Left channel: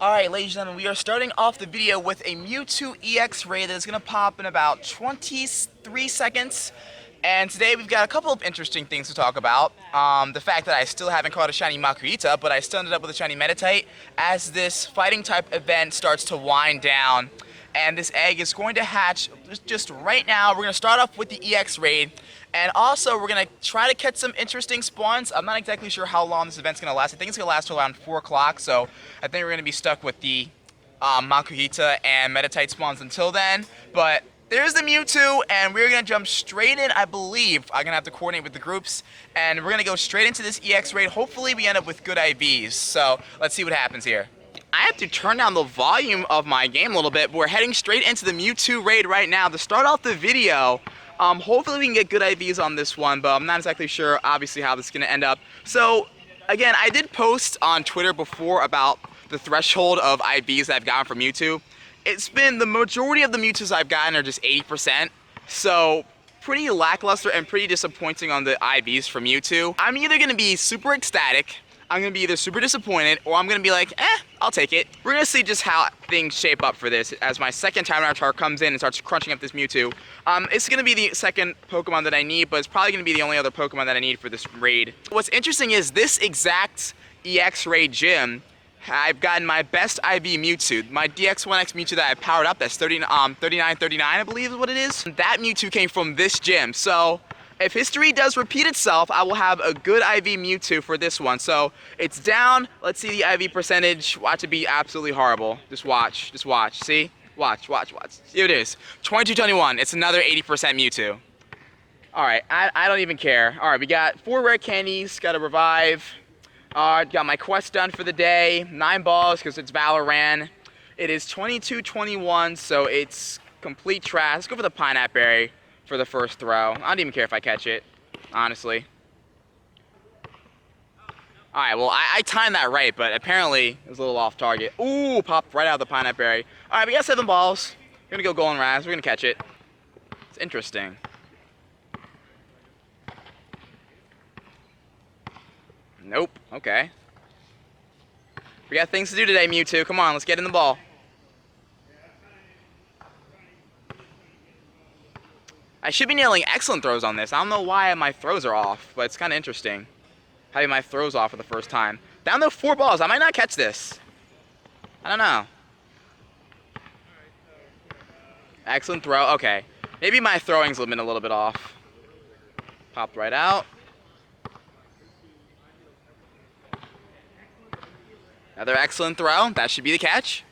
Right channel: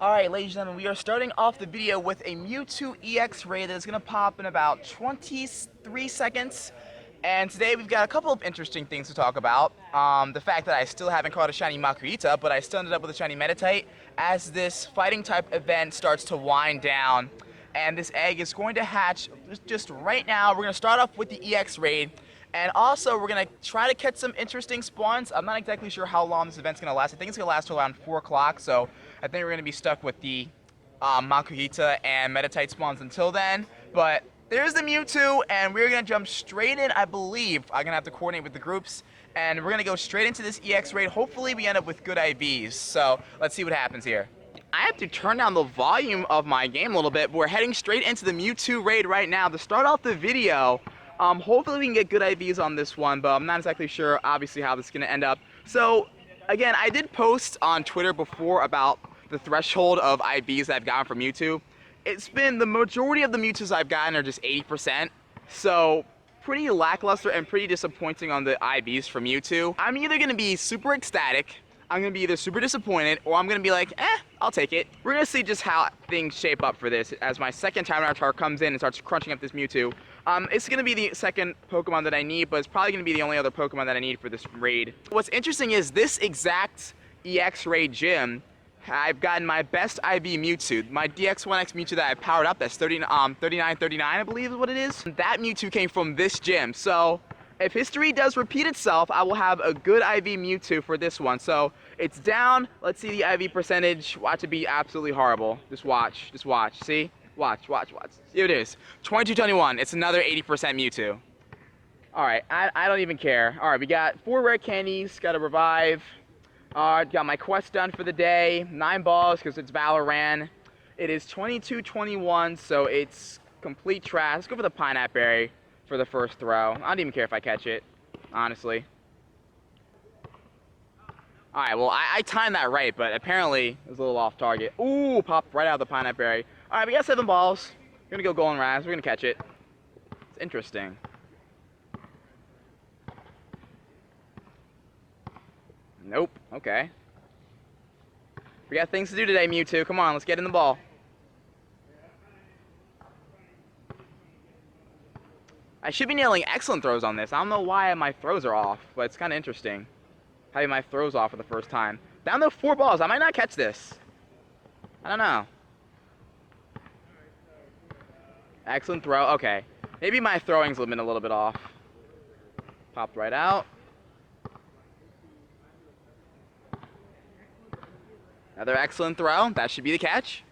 Alright, ladies and gentlemen, we are starting off the video with a Mewtwo EX raid that is going to pop in about 23 seconds. And today we've got a couple of interesting things to talk about. The fact that I still haven't caught a shiny Makuhita, but I still ended up with a shiny Meditite as this fighting type event starts to wind down. And this egg is going to hatch just right now. We're going to start off with the EX raid. And also, we're going to try to catch some interesting spawns. I'm not exactly sure how long this event's going to last. I think it's going to last till around 4 o'clock, so I think we're going to be stuck with the Makuhita and Meditite spawns until then. But there's the Mewtwo, and we're going to jump straight in, I believe. I'm going to have to coordinate with the groups, and we're going to go straight into this EX raid. Hopefully, we end up with good IVs. So, let's see what happens here. I have to turn down the volume of my game a little bit. We're heading straight into the Mewtwo raid right now. To start off the video, hopefully we can get good IVs on this one, but I'm not exactly sure, obviously, how this is going to end up. So, again, I did post on Twitter before about the threshold of IVs that I've gotten from Mewtwo. It's been, the majority of the Mewtwo's I've gotten are just 80%, so pretty lackluster and pretty disappointing on the IVs from Mewtwo. I'm either going to be super ecstatic, I'm going to be either super disappointed, or I'm going to be like, I'll take it. We're going to see just how things shape up for this as my second Time Avatar comes in and starts crunching up this Mewtwo. It's going to be the second Pokemon that I need, but it's probably going to be the only other Pokemon that I need for this raid. What's interesting is this exact EX raid gym, I've gotten my best IV Mewtwo. My DX1X Mewtwo that I powered up, that's 3939, I believe is what it is. That Mewtwo came from this gym, so if history does repeat itself, I will have a good IV Mewtwo for this one. So it's down. Let's see the IV percentage. Watch it be absolutely horrible. Just watch. Just watch. See? Watch. Here it is. 2221. It's another 80% Mewtwo. Alright, I don't even care. Alright, we got 4 rare candies. Got a revive. Got my quest done for the day. 9 balls because it's Valorant. It is 2221, so it's complete trash. Let's go for the Pineapple Berry for the first throw. I don't even care if I catch it, honestly. Alright, well, I timed that right, but apparently it was a little off target. Ooh, popped right out of the Pineapple Berry. Alright, we got 7 balls. We're gonna go Golden Raz. We're gonna catch it. It's interesting. Nope. Okay. We got things to do today, Mewtwo. Come on, let's get in the ball. I should be nailing excellent throws on this. I don't know why my throws are off, but it's kind of interesting having my throws off for the first time. Down to 4 balls. I might not catch this. I don't know. Excellent throw. Okay. Maybe my throwing's been a little bit off. Popped right out. Another excellent throw. That should be the catch.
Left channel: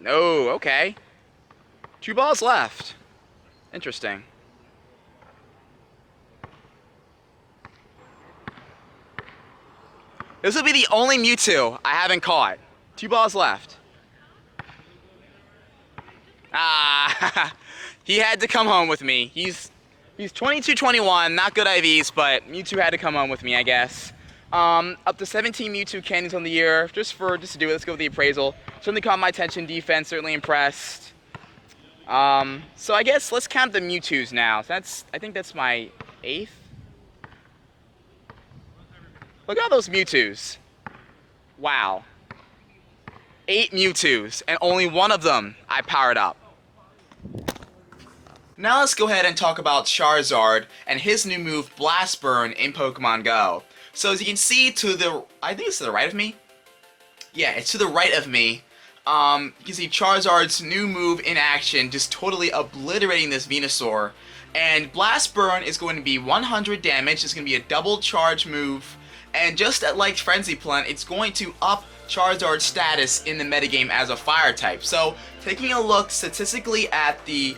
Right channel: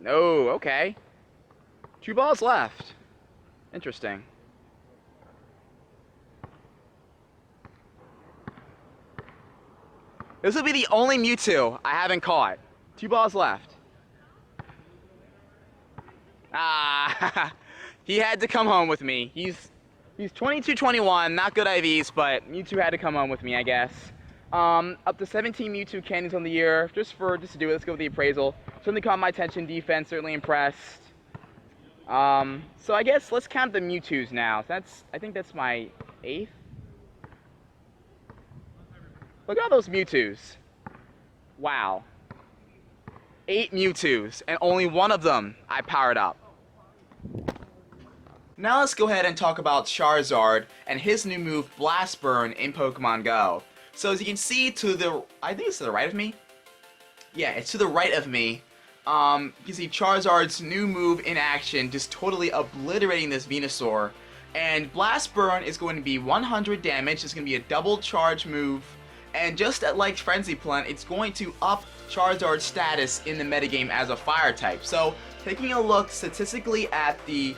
No, okay. 2 balls left. Interesting. This will be the only Mewtwo I haven't caught. 2 balls left. Ah, he had to come home with me. He's 2221, not good IVs, but Mewtwo had to come home with me, I guess. Up to 17 Mewtwo candies on the year, just to do it. Let's go with the appraisal. Certainly caught my attention. Defense, certainly impressed. So I guess let's count the Mewtwo's now. I think that's my 8th. Look at all those Mewtwo's. Wow. 8 Mewtwo's, and only one of them I powered up. Now let's go ahead and talk about Charizard and his new move, Blast Burn, in Pokemon Go. So as you can see I think it's to the right of me. Yeah, it's to the right of me. You can see Charizard's new move in action, just totally obliterating this Venusaur. And Blast Burn is going to be 100 damage. It's going to be a double charge move. And just like Frenzy Plant, it's going to up Charizard's status in the metagame as a fire type. So taking a look statistically at the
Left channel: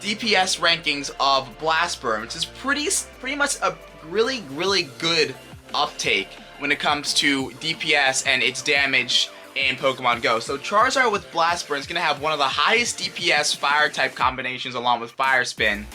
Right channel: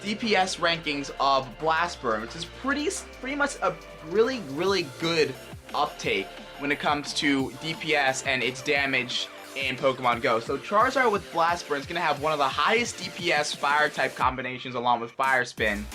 DPS rankings of Blast Burn, which is pretty much a really good uptake when it comes to DPS and its damage in Pokemon Go. So Charizard with Blast Burn is going to have one of the highest DPS fire type combinations along with Fire Spin.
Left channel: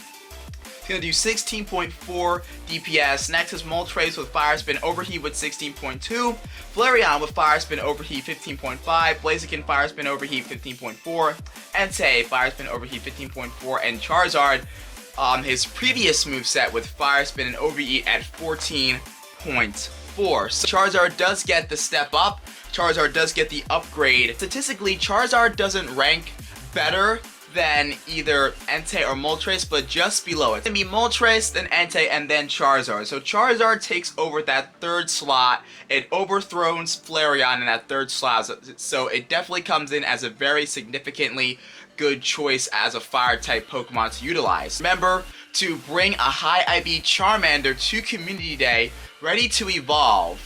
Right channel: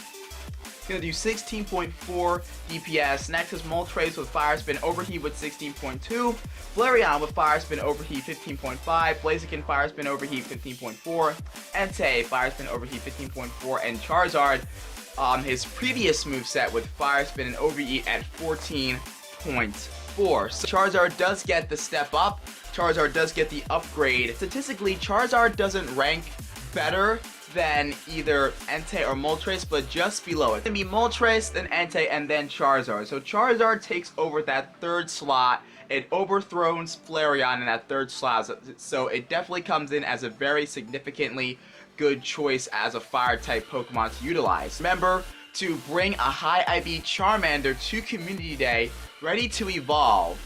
It's going to do 16.4 DPS. Next is Moltres with Fire Spin Overheat with 16.2. Flareon with Fire Spin Overheat 15.5. Blaziken Fire Spin Overheat 15.4. Entei Fire Spin Overheat 15.4. And Charizard, his previous moveset with Fire Spin and Overheat at 14.5. 4. So Charizard does get the step up. Charizard does get the upgrade. Statistically, Charizard doesn't rank better than either Entei or Moltres, but just below it. It's gonna be Moltres, then Entei, and then Charizard. So Charizard takes over that third slot. It overthrows Flareon in that third slot. So it definitely comes in as a very significantly good choice as a fire-type Pokemon to utilize. Remember to bring a high IB Charmander to Community Day, ready to evolve.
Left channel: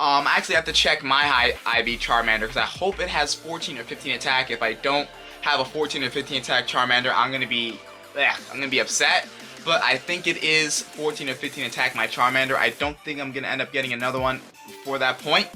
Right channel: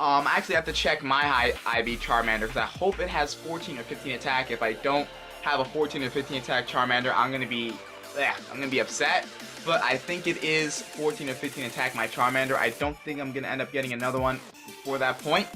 I actually have to check my high IB Charmander because I hope it has 14 or 15 attack. If I don't have a 14 or 15 attack Charmander, I'm gonna be upset. But I think it is 14 or 15 attack my Charmander. I don't think I'm gonna end up getting another one before that point.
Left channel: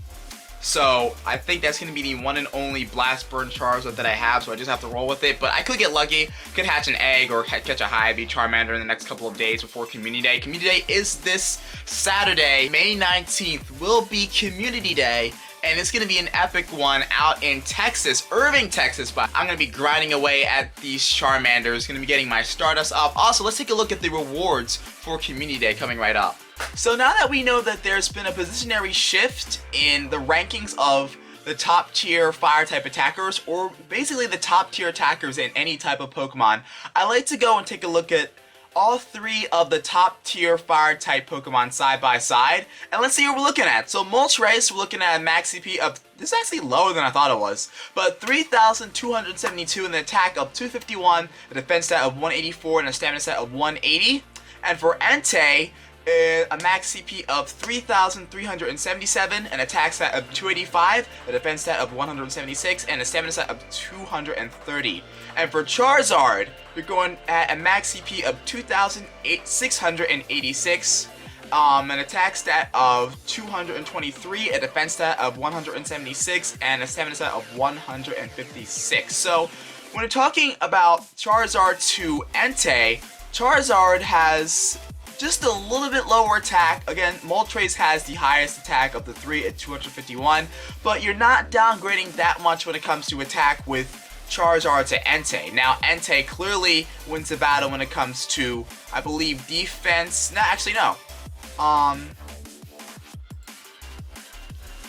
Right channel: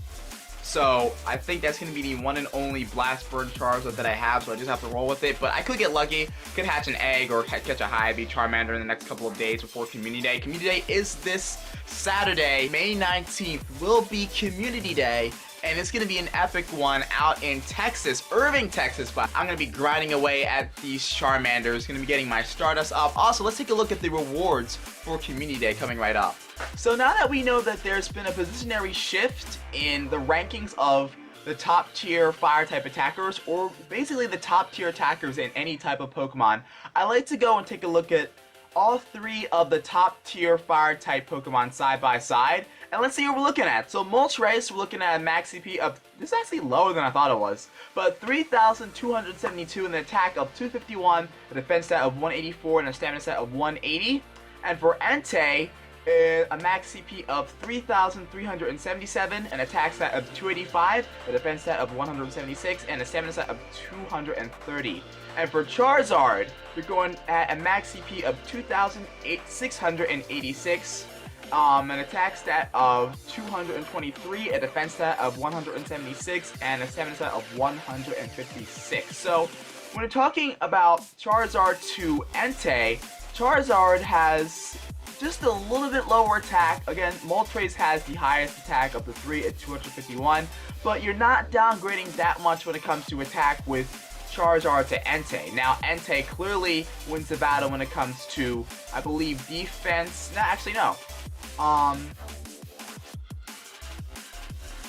So I think that's going to be the one and only Blast Burn Charizard that I have, so I just have to roll with it. But I could get lucky, could hatch an egg or catch a high IB Charmander in the next couple of days before Community Day. Community Day is this Saturday, May 19th, will be Community Day. And it's going to be an epic one out in Texas, Irving, Texas. But I'm going to be grinding away at these Charmanders, going to be getting my Stardust up. Also, let's take a look at the rewards for Community Day coming right up. So now that we know that there's been a positionary shift in the rankings of the top tier fire type attackers, or basically the top tier attackers in any type of Pokemon, I like to go and take a look at all 3 of the top tier fire type Pokemon side by side, and let's see what we're looking at. So Moltres, we're looking at a max CP of, this is actually lower than I thought it was, but 3,272 and an attack of 251, a defense stat of 184, and a stamina stat of 180. And for Entei, a max CP of 3,377, an attack stat of 285, a defense stat of 176, and a stamina stat of 230. And for Charizard, you're going at a max CP of 2,686, an attack stat of 223, a defense stat of 176, and a stamina stat of 156. So when we're talking about Charizard to Entei, Charizard has just a little bit lower attack. Again, Moltres has the highest attack of the 3 at 251, but you're not downgrading that much when it comes to attack with Charizard to Entei. Now, Entei clearly wins the battle when it comes to, I believe, defense. No, actually, no.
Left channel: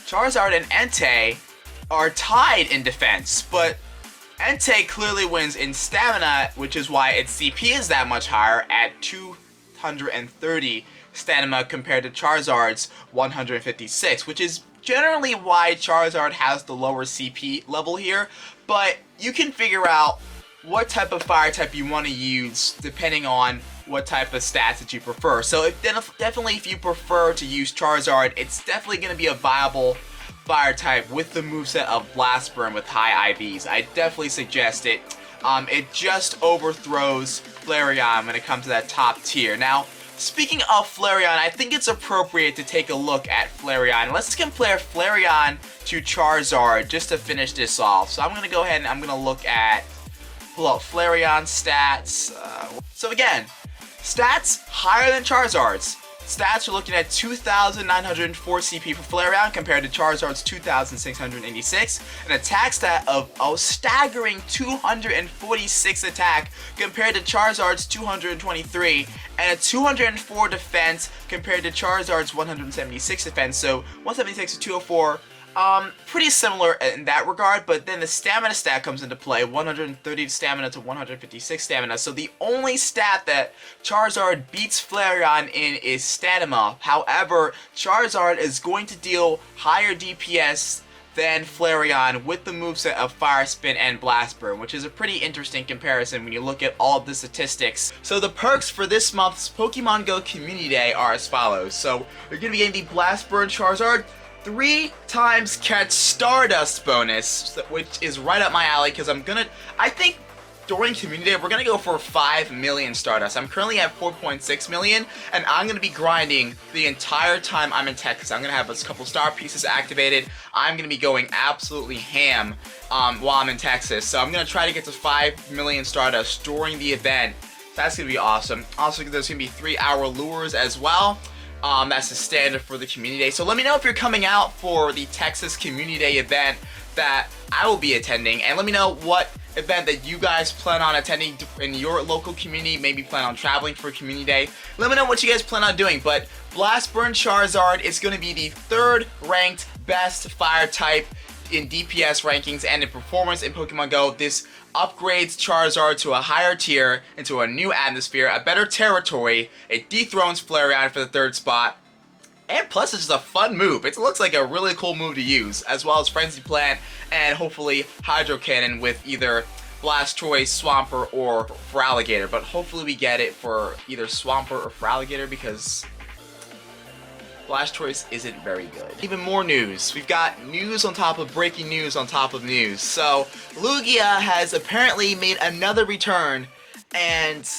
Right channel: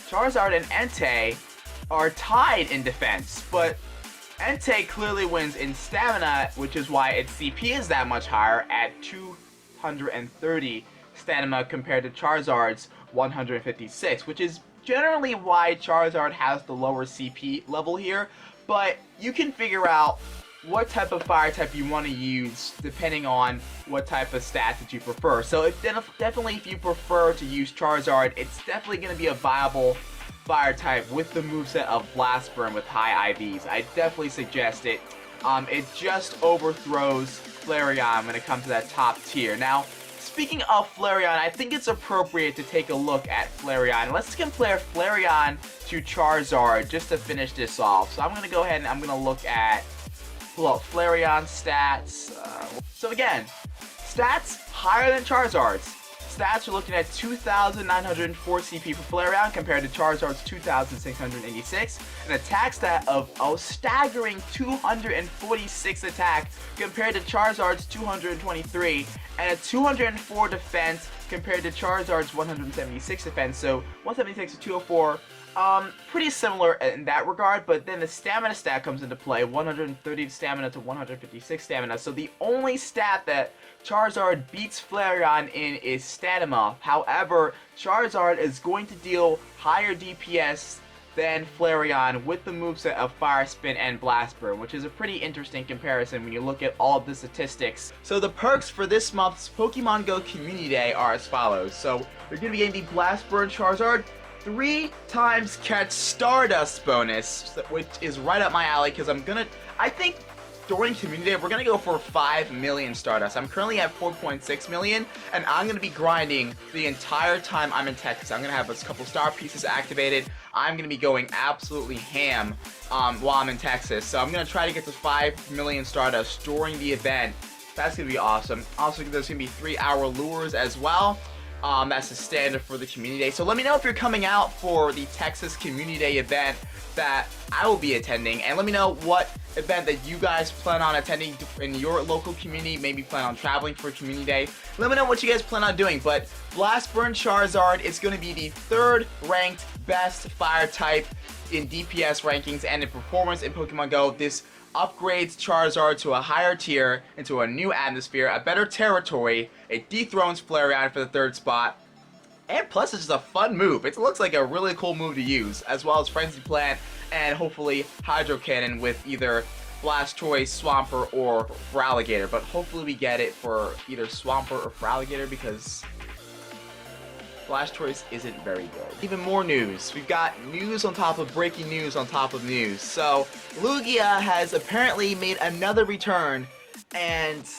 Charizard and Entei are tied in defense, but Entei clearly wins in stamina, which is why its CP is that much higher at 230 stamina compared to Charizard's 156, which is generally why Charizard has the lower CP level here. But you can figure out what type of fire type you want to use depending on what type of stats that you prefer. So definitely if you prefer to use Charizard, it's definitely going to be a viable fire type with the moveset of Blast Burn with high IVs. I definitely suggest it. It just overthrows Flareon when it comes to that top tier. Now, speaking of Flareon, I think it's appropriate to take a look at Flareon. Let's compare Flareon to Charizard just to finish this off. So I'm going to go ahead and I'm going to pull out Flareon stats. So again, stats higher than Charizard's. Stats are looking at 2,904 CP for Flareon compared to Charizard's 2,686. An attack stat of a staggering 246 attack compared to Charizard's 223. And a 204 defense compared to Charizard's 176 defense. So 176 to 204. Pretty similar in that regard, but then the stamina stat comes into play, 130 stamina to 156 stamina. So the only stat that Charizard beats Flareon in is stamina. However, Charizard is going to deal higher DPS than Flareon with the moveset of Fire Spin and Blast Burn, which is a pretty interesting comparison when you look at all of the statistics. So the perks for this month's Pokemon Go Community Day are as follows. So you're going to be getting the Blast Burn Charizard, 3 times catch Stardust bonus, which is right up my alley because I think during Community Day, we're going to go for 5 million Stardust. I'm currently at 4.6 million, and I'm going to be grinding the entire time I'm in Texas. I'm going to have a couple star pieces activated. I'm going to be going absolutely ham while I'm in Texas. So I'm going to try to get to 5 million Stardust during the event. That's going to be awesome. Also, there's going to be 3-hour lures as well. That's the standard for the Community Day. So let me know if you're coming out for the Texas Community Day event that I will be attending, and let me know what event that you guys plan on attending in your local community. Maybe plan on traveling for Community Day. Let me know what you guys plan on doing. But Blast Burn Charizard is going to be the 3rd ranked best fire type in DPS rankings and in performance in Pokemon Go. This upgrades Charizard to a higher tier, into a new atmosphere, a better territory. It dethrones Flareon for the 3rd spot. And plus, it's just a fun move. It looks like a really cool move to use, as well as Frenzy Plant and hopefully Hydro Cannon with either Blastoise, Swampert, or Feraligatr. But hopefully we get it for either Swampert or Feraligatr, because Blastoise isn't very good. Even more news. We've got news on top of breaking news on top of news. So, Lugia has apparently made another return, and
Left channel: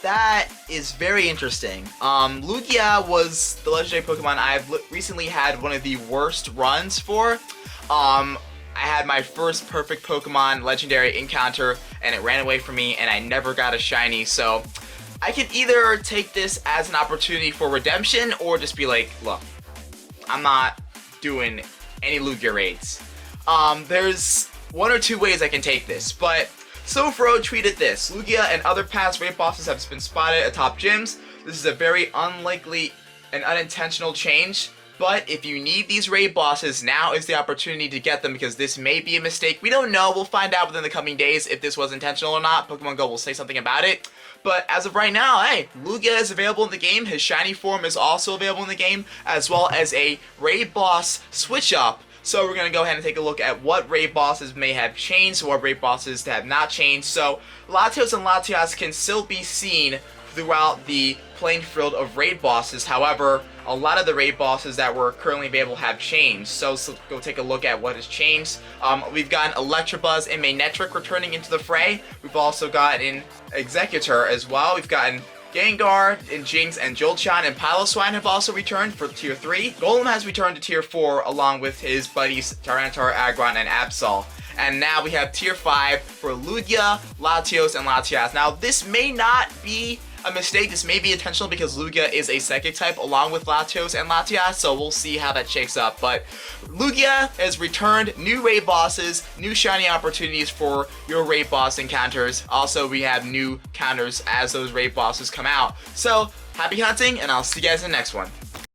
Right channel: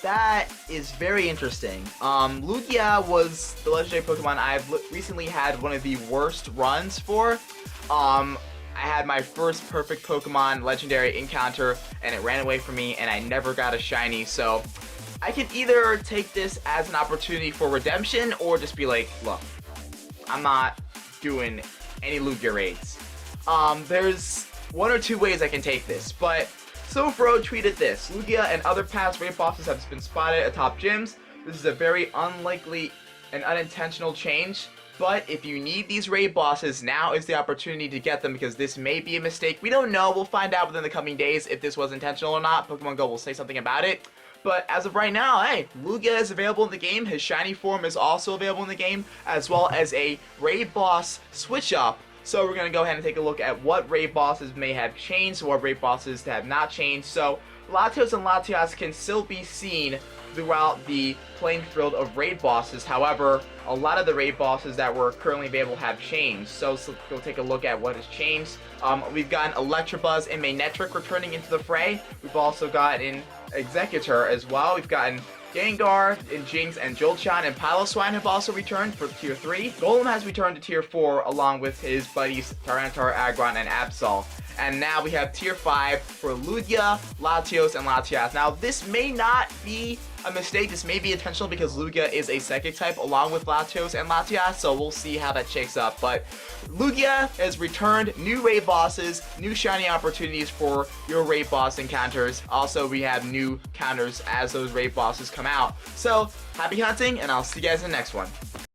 that is very interesting. Lugia was the legendary Pokemon I've recently had one of the worst runs for. I had my first perfect Pokemon legendary encounter, and it ran away from me, and I never got a shiny. So I can either take this as an opportunity for redemption, or just be like, look, I'm not doing any Lugia raids. There's one or two ways I can take this, but Sofro tweeted this: Lugia and other past raid bosses have been spotted atop gyms. This is a very unlikely and unintentional change, but if you need these raid bosses, now is the opportunity to get them, because this may be a mistake. We don't know. We'll find out within the coming days if this was intentional or not. Pokemon Go will say something about it. But as of right now, hey, Lugia is available in the game. His shiny form is also available in the game, as well as a raid boss switch up. So we're going to go ahead and take a look at what raid bosses may have changed, what raid bosses have not changed. So Latios and Latias can still be seen throughout the playing field of raid bosses. However, a lot of the raid bosses that were currently available have changed. So let's go take a look at what has changed. We've gotten Electabuzz and Manectric returning into the fray. We've also gotten Executor as well. We've gotten Gengar, and Jinx, and Jolteon, and Piloswine have also returned for Tier 3. Golem has returned to Tier 4 along with his buddies Tyranitar, Aggron, and Absol. And now we have Tier 5 for Lugia, Latios, and Latias. Now, this may not be a mistake. This may be intentional, because Lugia is a Psychic type along with Latios and Latias, so we'll see how that shakes up. But Lugia has returned, new raid bosses, new shiny opportunities for your raid boss encounters. Also, we have new counters as those raid bosses come out. So, happy hunting, and I'll see you guys in the next one.